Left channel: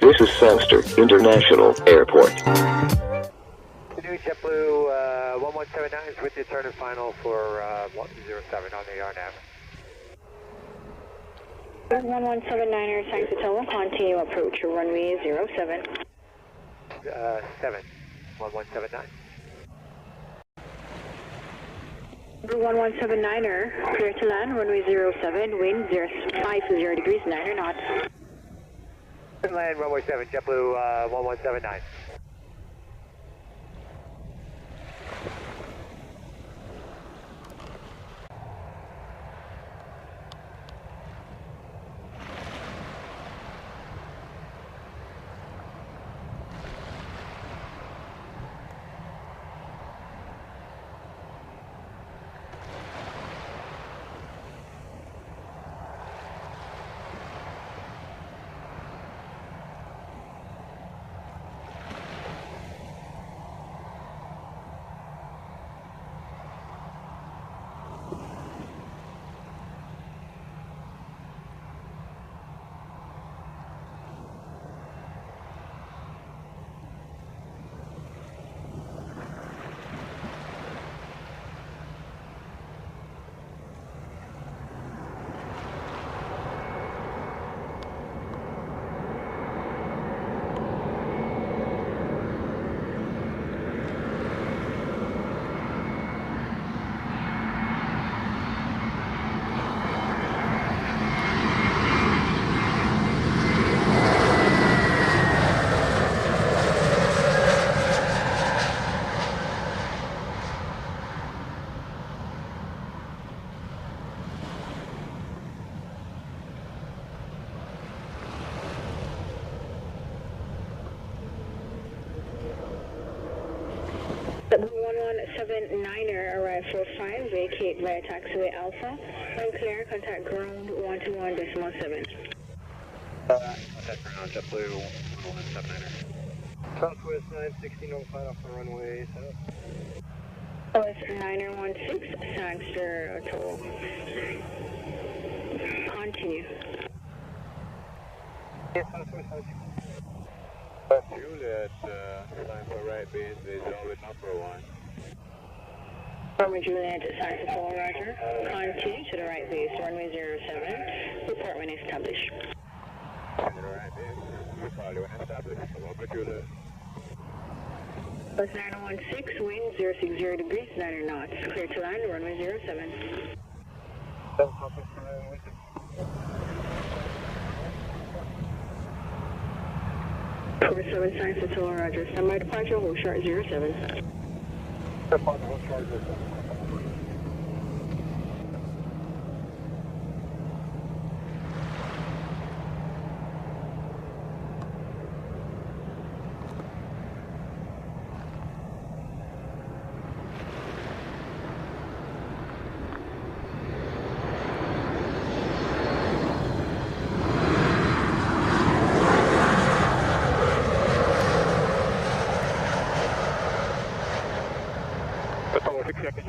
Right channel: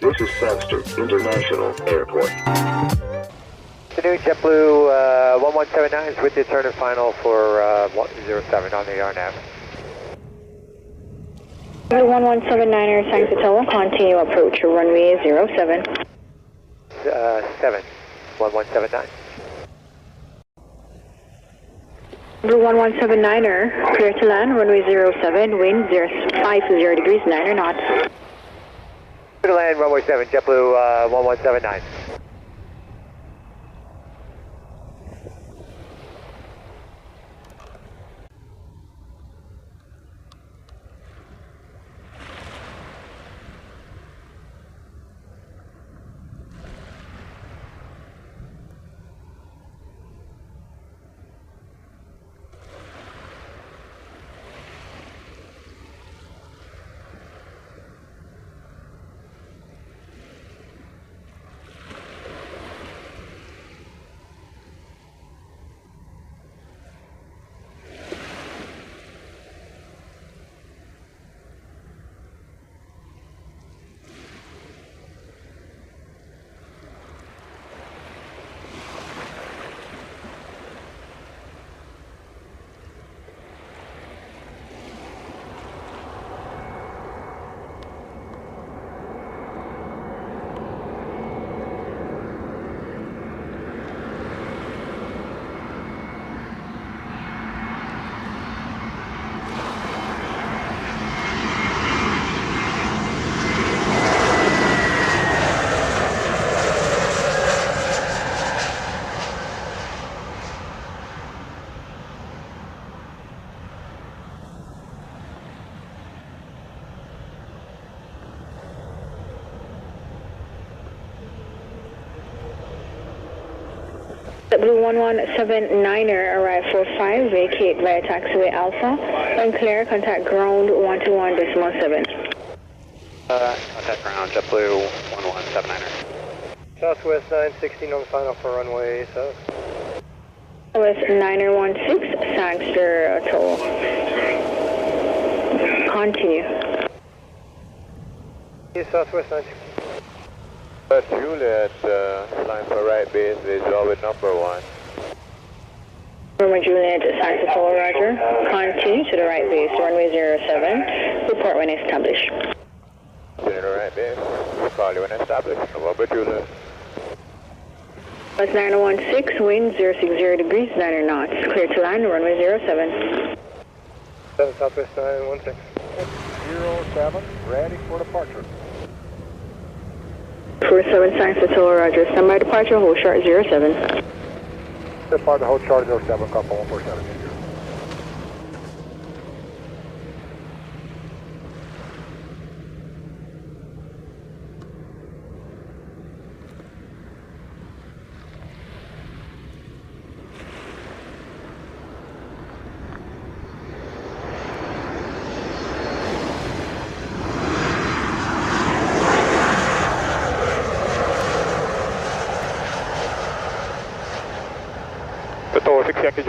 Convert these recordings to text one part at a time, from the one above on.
This is Sangster International Airport. Afternoon, JetBlue 1179 is with the turn and final for 107 on the RNAV. 1179er, Sangster Tower, continue approach runway 07. 7, 1179. Blue 1179er, clear to land, runway 07, wind 50 degrees, 9 knots. Clear to land, runway 7, JetBlue 1179. Blue 1179er, arrive for 5, vacate via taxiway Alpha. When clear, contact ground 121.7. Contact ground, JetBlue 1179er. Southwest 916 on the final for runway 7. Southwest 916, Sangster Tower. Continue. Southwest 916. Juliet, flying for right base, visual with number 1. Roman Juliet, Sangster Tower, roger. Continue to the right base, runway 07. Report when established. To the right base, we'll call you when established. November Juliet. West 916, wind 060 degrees, 9 knots. Clear to land, runway 07. 7 Southwest 916. 07, ready for departure. 47 Sangster Tower, roger. Standby departure, hold short 07. Depart the hold chart 07, couple 147.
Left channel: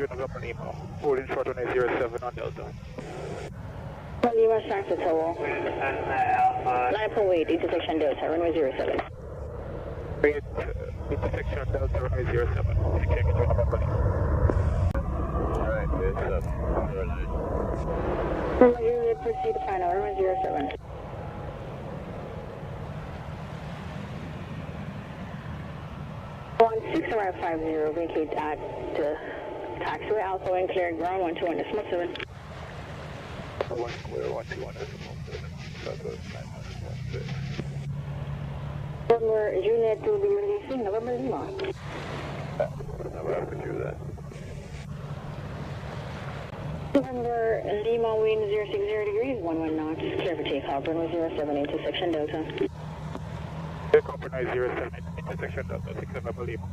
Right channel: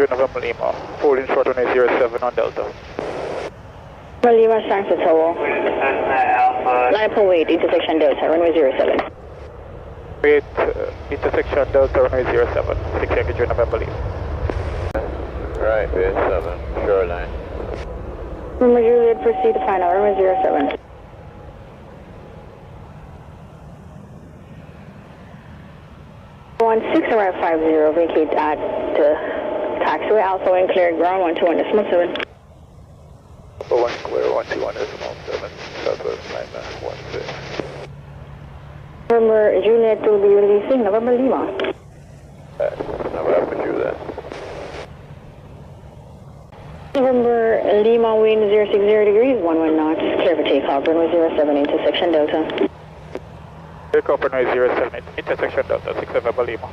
November Lima, holding short on 07 on Delta. Lima, Sangster Tower. Line up and wait, intersection Delta, runway 07. Wait, intersection Delta, runway 07, 6 Yankee November Lima. Right, base 7, shoreline. Romeo Juliet, proceed to final, runway 07. One 6 arrive 50, vacate at taxiway Alpha and clear ground 121.7. Alpha 1 clear 121.7, Southwest 9916. November Juliet will be releasing November Lima. November Juliet. November Lima, wind 060 degrees, 11 knots. Clear for takeoff, runway 07, intersection Delta. Takeoff runway 07, intersection Delta, 6 November Lima.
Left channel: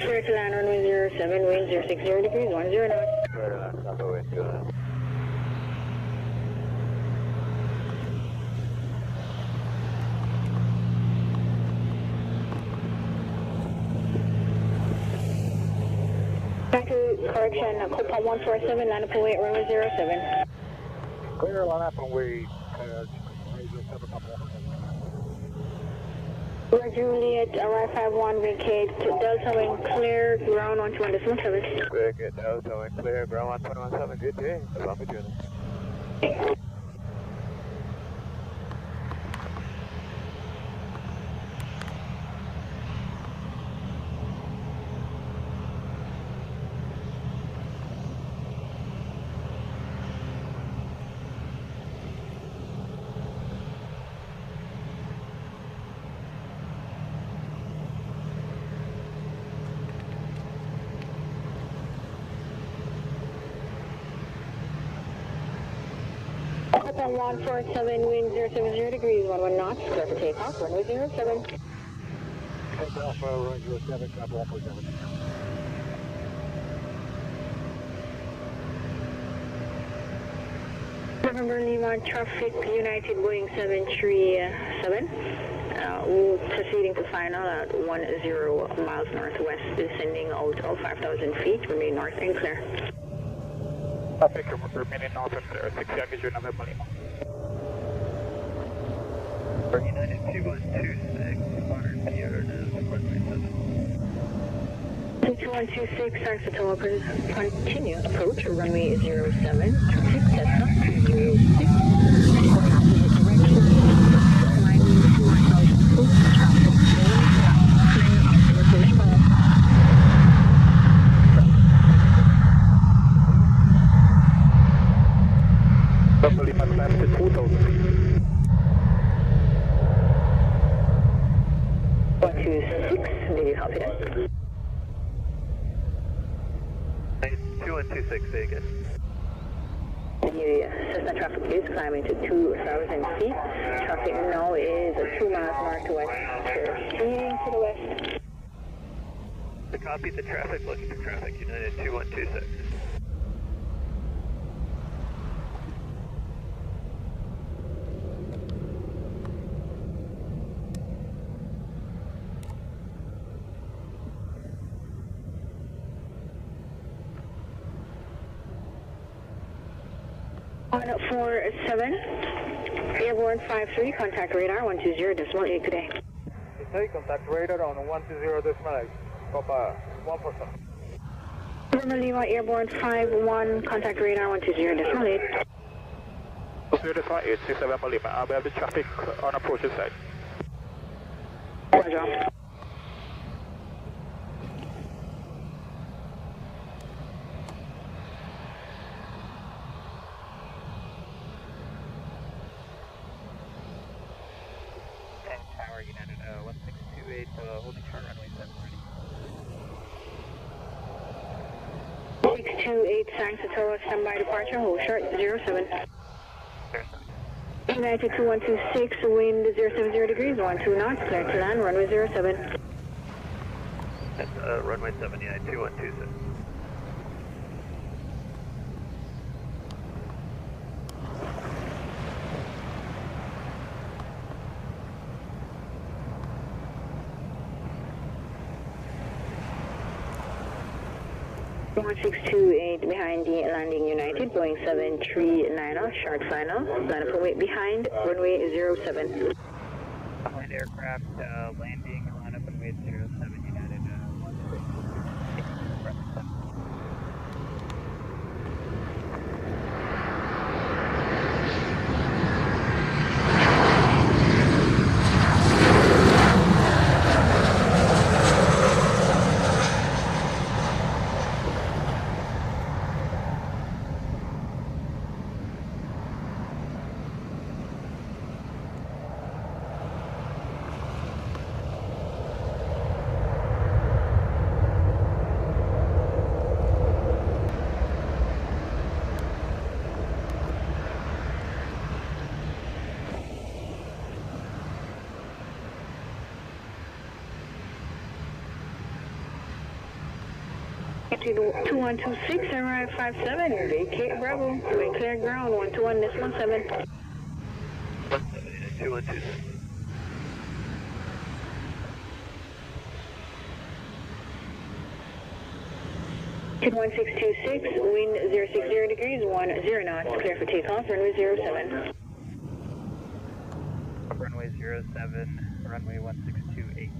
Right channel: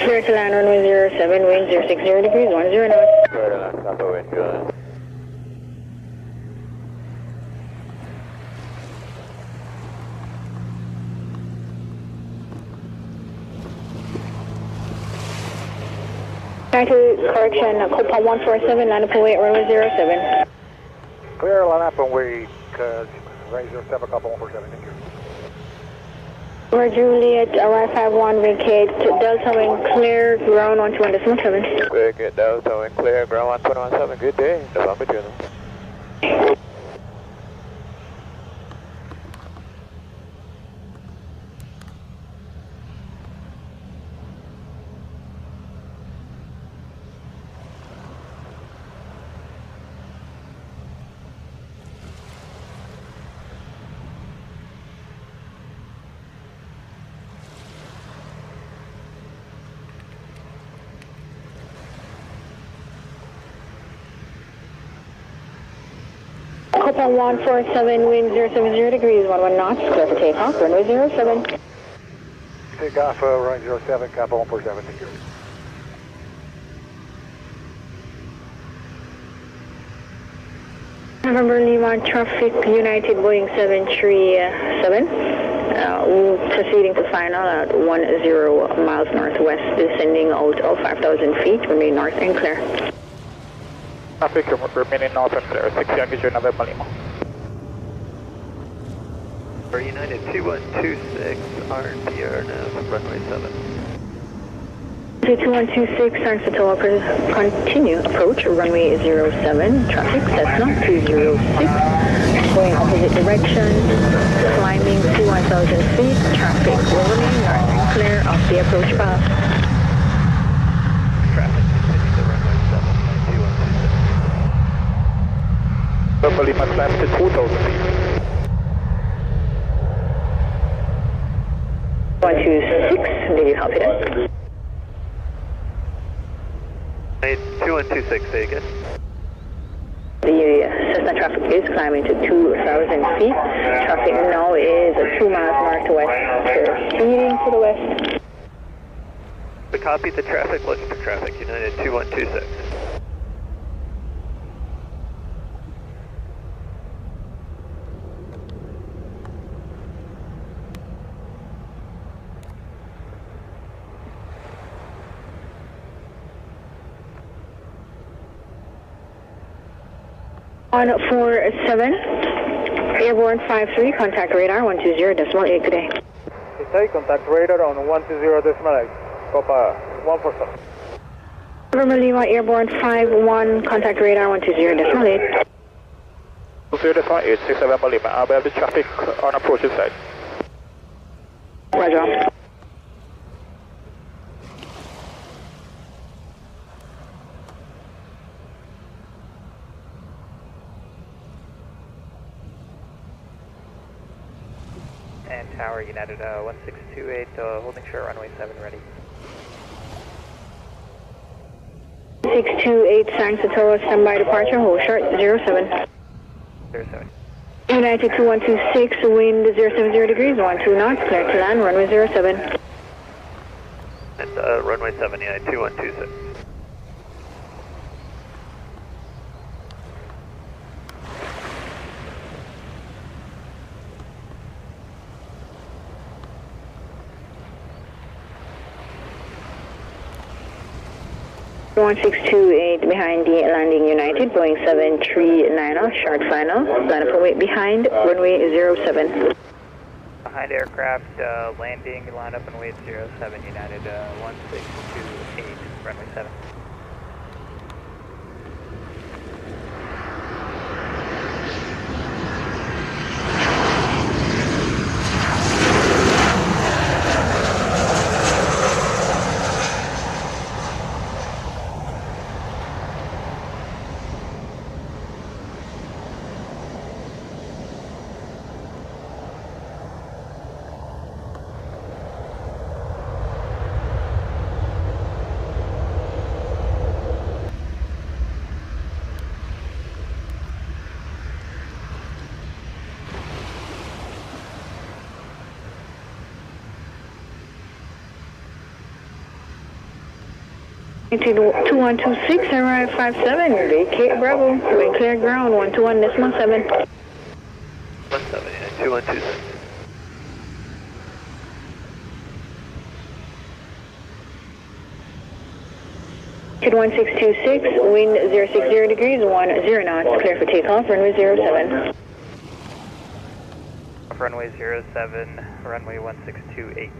Clear to land runway 07, wind 060 degrees, 10 knots. Quarter left, upper wind, good. Correction, Copa 147, line up away, runway 07. Clear, line up and wait, range 07, Copa 147, thank you. We're Juliet, arrive 51, vacate, Delta wind clear, ground 121.7. Vacate, Delta wind clear, ground 121.7, good day, the one between them. Copa 147, wind 070 degrees, 11 knots, clear for takeoff, runway 07. Take off, range 07, Copa 147, thank you. November Lima traffic, United Boeing 737, proceeding to final at 10 miles northwest, descending out of 5,000 feet, remain north and clear. Traffic remaining north and clear, 6 Yankee November Lima. For United 2126, RPR now, runway 7. 2126, thanks to tower, continue approach, runway 07, traffic, Cessna 206, going opposite direction, climbing to 1,000 feet, traffic will remain north and clear off the approach path. November Lima climb to 2,000 feet. 126, did you copy that? 2126, say again. The Cessna traffic is climbing to 2,000 feet. Traffic now is 2 miles northwest, speeding to the west. We copy the traffic, looking for traffic, United 2126. On 47, airborne 53, contact radar 120.8, good day. Take contact radar on 120.8, Copa 147. November Lima, airborne 51, contact radar 120.8. 208, 6 November Lima, I'll have the traffic on approaching side. Roger. And Tower United 1628, holding short runway 7 ready. 628, thanks to tower, standby departure, hold short 07. 07. United 2126, wind 070 degrees, 12 knots, clear to land, runway 07. And runway 7, United 2126. One 628 behind the landing United, Boeing 739, short final, line up await behind, runway 07. Behind aircraft, landing, line up and wait 07, United 1628, runway 7. 2126, arrive 57, vacate Bravo, wind clear ground, 121.7. 17, 2126. Kid 1626, wind 060 degrees, 10 knots, clear for takeoff, runway 07. Runway 07, runway 1628.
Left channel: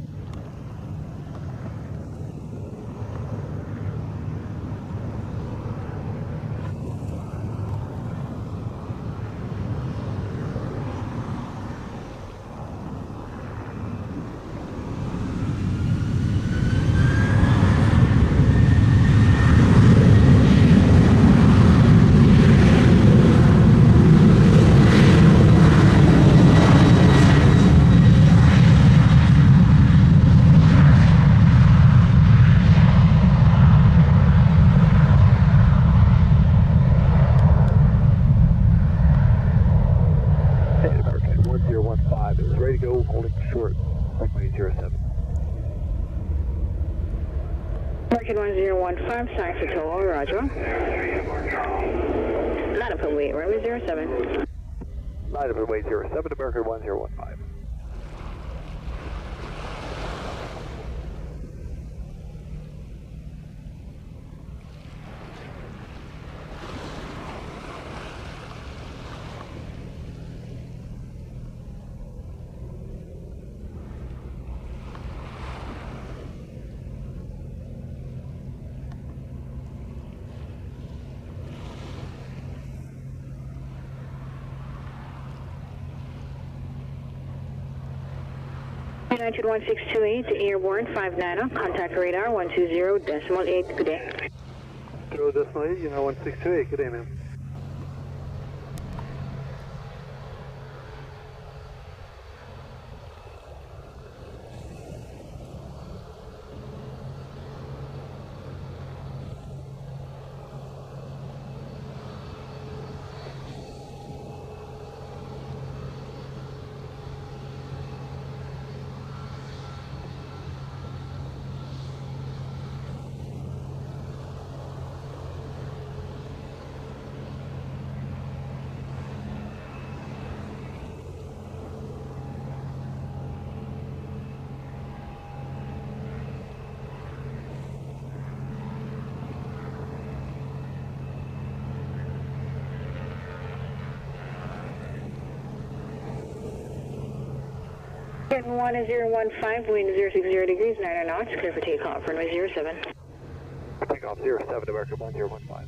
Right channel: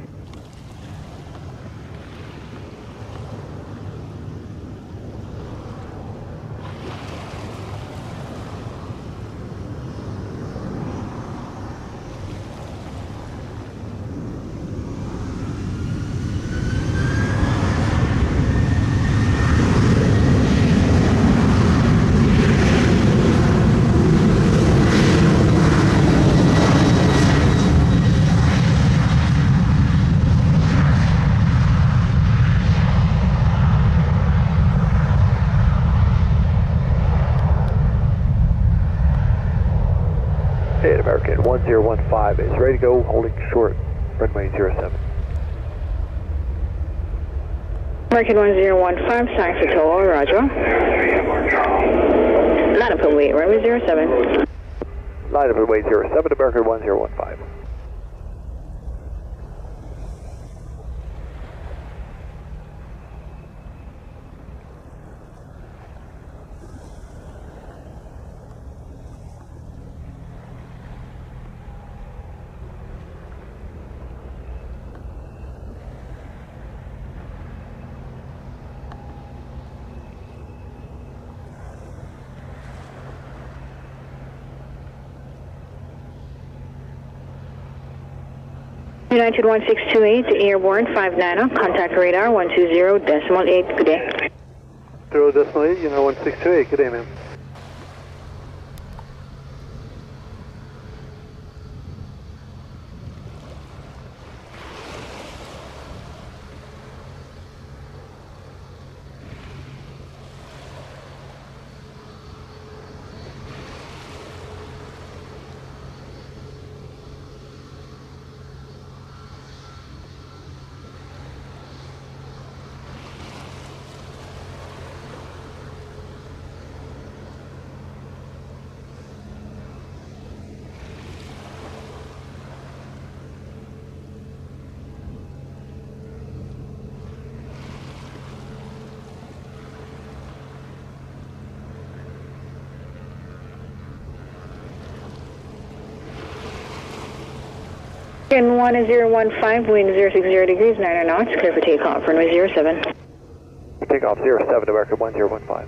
American 1015 is ready to go, holding short, runway 07. American 1015, sign for toll, roger. Line up and wait, runway 07. Line up and wait 07, American 1015. United 1628, airborne 59, contact radar 120.8, good day. 0.8, United 1628, good day, ma'am. Again, 1015, wind 060 degrees, 9 knots, clear for takeoff, runway 07. Takeoff 07, American 1015.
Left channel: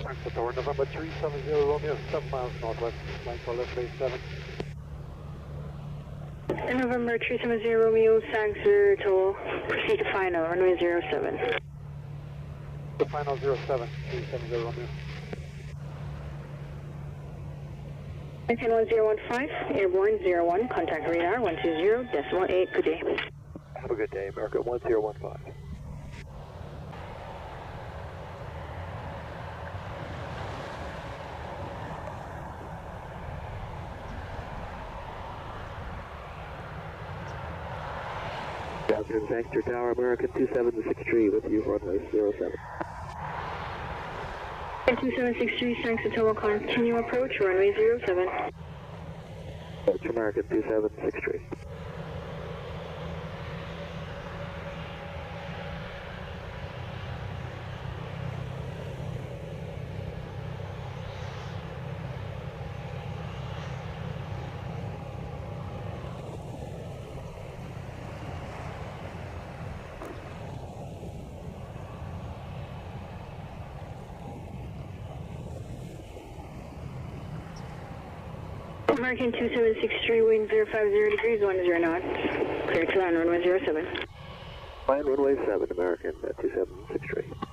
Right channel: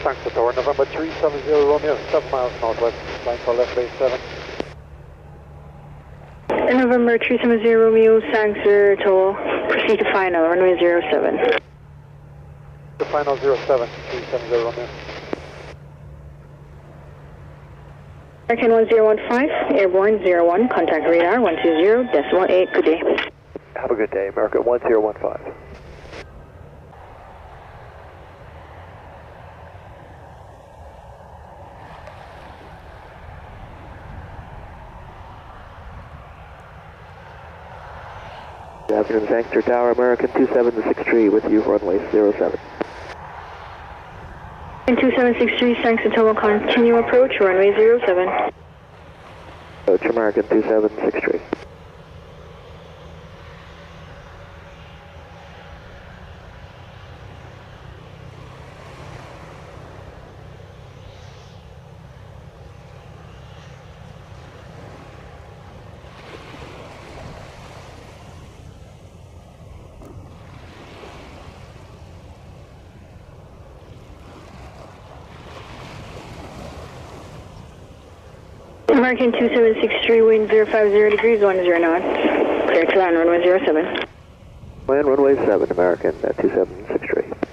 Thanks for tower, November 370 Romeo, 7 miles northwest, line for left base 7. November 370 Romeo, Sangster toll, proceed to final, runway 07. The final 07, 370 Romeo. American 1015, airborne 01, contact radar 120.8, good day. Have a good day, American 1015. Good afternoon, Sangster Tower, American 2763 with you, runway 07. 2763, Sangster Tower, continue approach, runway 07. Approach, American 2763. American 2763, wind 050 degrees, 10 knots. Clear to land, runway 07. Land runway 7, American 2763.